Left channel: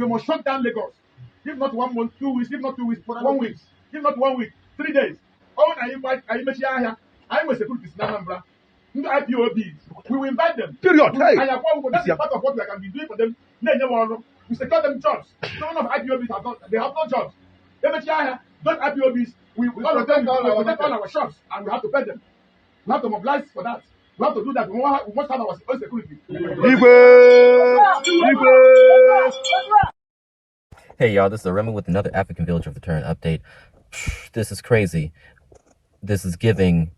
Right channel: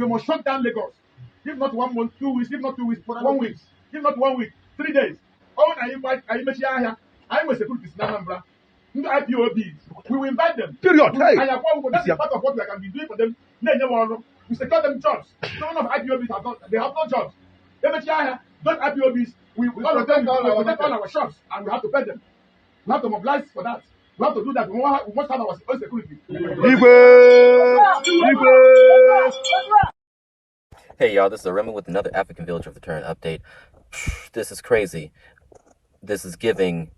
We must shut down Lagos. If not 1 month, 2 weeks, if not 2 weeks, 1 week. If not 1 week, 3 days. Oh, I invite here. I will security in Anambra. IPOB. We will invite them. Period. That's part of what we can be doing for them. We secure them jobs. Some of IPOBs have not, they have no jobs. Those IPOBs, we all of them protect all our shops and we have to pay them. We have to mobilize for that. We have to do that. We must have our own security. Hey y'all, this is Remy with another African Village of Return update. This is crazy. This is giving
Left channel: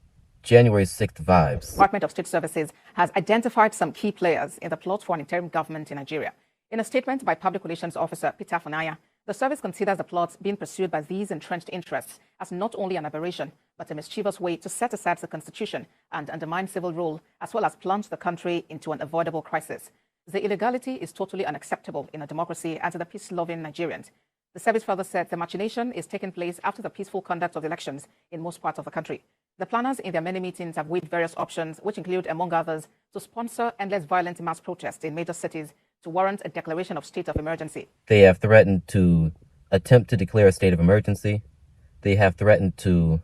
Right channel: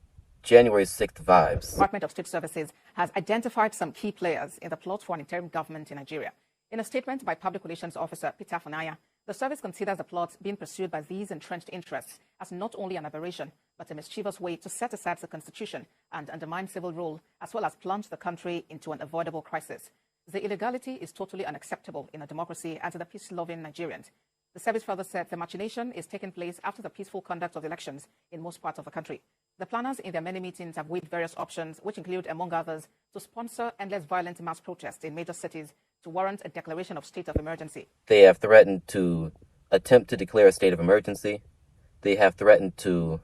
January 6th vibes. Department of State Services has identified some key players in the plot for an interim government in Nigeria. In a statement by Public Relations Officer Peter Funaya, the service considers the plot being pursued by these entrenched interests as not only an aberration, but a mischievous way to set aside the constitution and undermine civil rule, as well as plunge the country into an avoidable crisis. The illegality is totally unacceptable in a democracy and to the peace-loving Nigerians. The service further said the machination is taking place after the peaceful conduct of elections in most parts of the country. The planners in their many meetings have weighed various options, which include, among others, to sponsor endless violent mass protests in major cities to warrant a declaration of state of emergency. They have threatened to attempt to declare a state of emergency. They have threatened to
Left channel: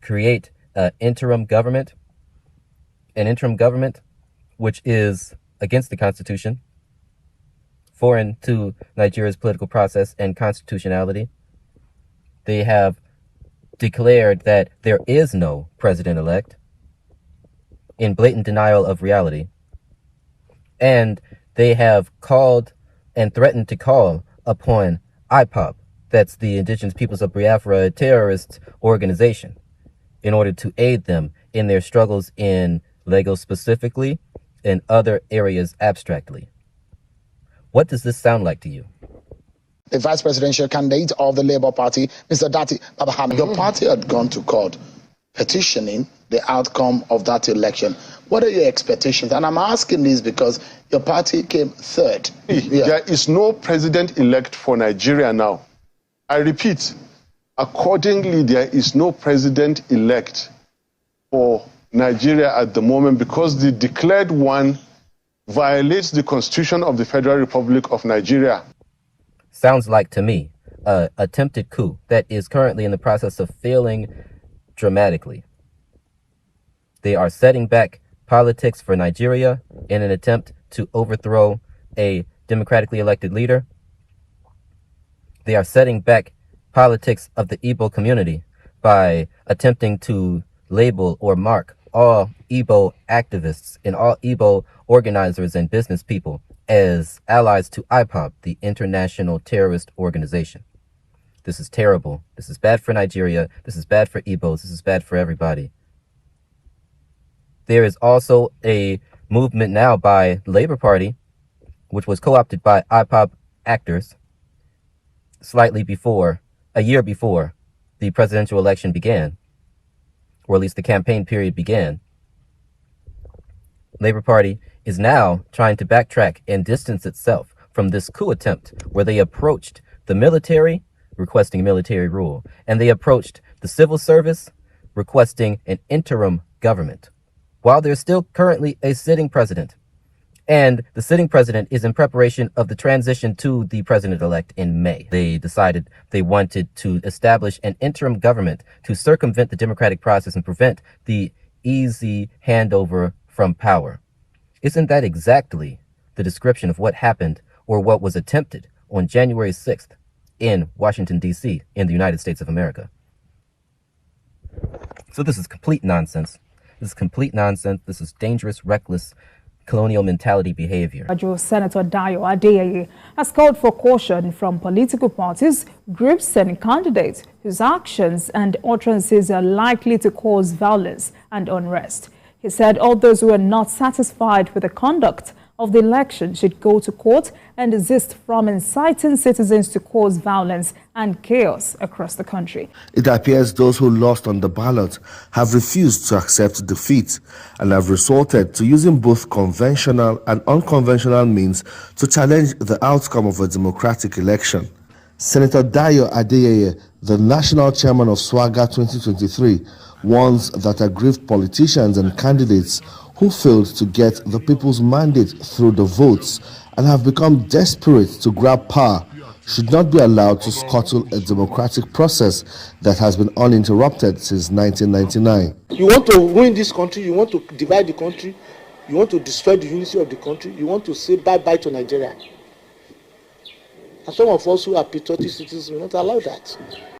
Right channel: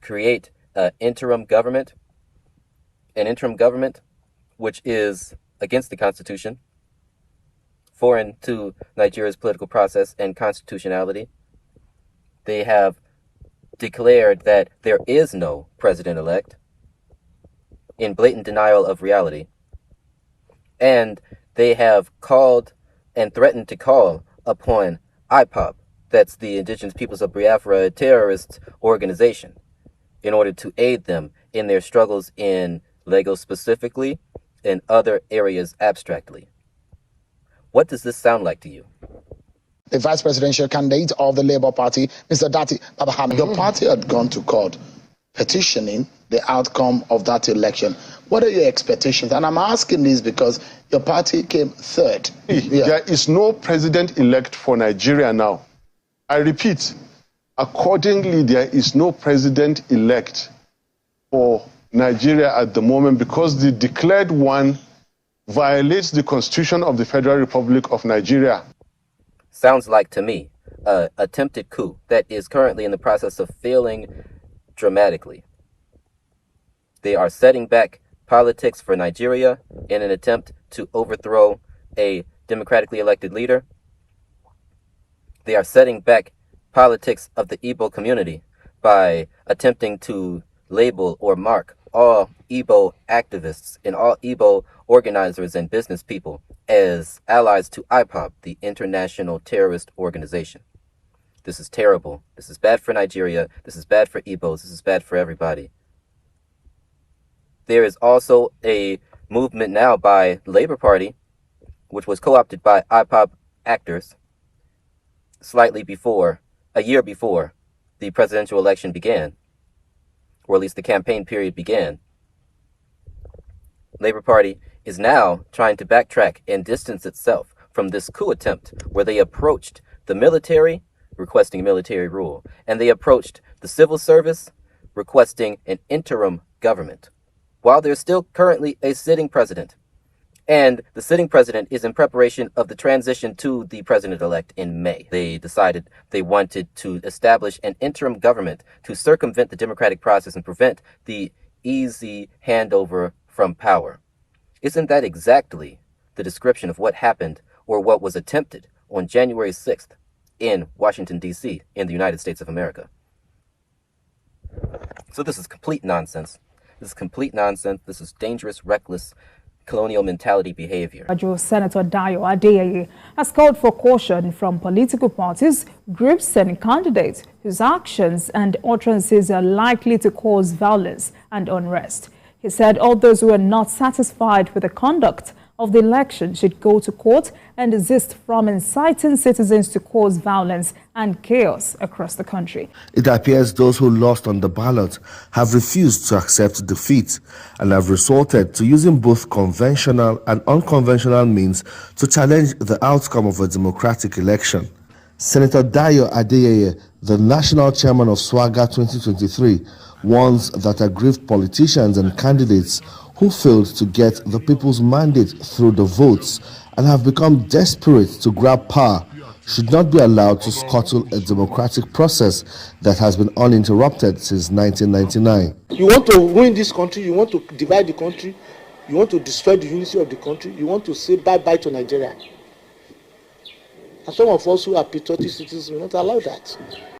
create an interim government, which is against the Constitution, foreign to Nigeria's political process and constitutionality. They have declared that there is no president-elect in blatant denial of reality. And they have called and threatened to call upon IPOB, that's the Indigenous Peoples of Biafra, a terrorist organization, in order to aid them in their struggles in Lagos specifically and other areas abstractly. What does this sound like to you? The vice presidential candidate of the Labour Party, Mr. Dati Babaham, your party had gone to court petitioning the outcome of that election. What are your expectations? And I'm asking this because your party came third. There is no president-elect for Nigeria now. I repeat, accordingly, there is no president-elect for Nigeria at the moment because the declared one violates the Constitution of the Federal Republic of Nigeria. Sounds like to me an attempted coup that is currently in the process of failing dramatically. They are setting back politics for Nigeria in an attempt to overthrow a democratically elected leader. They are setting back politics of the Igbo community by attempting to label or mark all Igbo activists and all Igbo organizers and business people as allies to IPOB, the international terrorist organization. This is terrible. This is bad for Nigeria. This is bad for Igbos. This is bad for everybody. There is also a movement now by the Labour Party, which was co-opted by IPOB actors a year before the presidential election began, or at least the campaign period began. Labour Party is now trying to backtrack and distance itself from this coup attempt where they approached the military requesting military rule, and they approached the civil service requesting an interim government, while there's still currently a sitting president. And the sitting president is in preparation of the transition to the president-elect in May. They decided they wanted to establish an interim government to circumvent the democratic process and prevent the easy handover from power. Isn't that exactly the description of what happened or what was attempted on January 6th in Washington, D.C., in the United States of America? So this is complete nonsense. This is complete nonsense. This is dangerous, reckless, colonial mentality behavior. Senator Dayo Adeyeye has called for caution from political parties, groups and candidates whose actions and utterances are likely to cause violence and unrest. He said all those who are not satisfied with the conduct of the election should go to court and desist from inciting citizens to cause violence and chaos across the country. It appears those who lost on the ballot have refused to accept defeat and have resorted to using both conventional and unconventional means to challenge the outcome of a democratic election. Senator Dayo Adeyeye, the national chairman of SWAGA 2023, warns that aggrieved politicians and candidates who failed to get the people's mandate through the votes and have become desperate to grab power should not be allowed to scuttle a democratic process that has been uninterrupted since 1999. You want to ruin this country, you want to divide the country, you want to destroy the unity of the country, you want to say bye-bye to Nigeria. And some of us who are patriotic citizens will not allow that.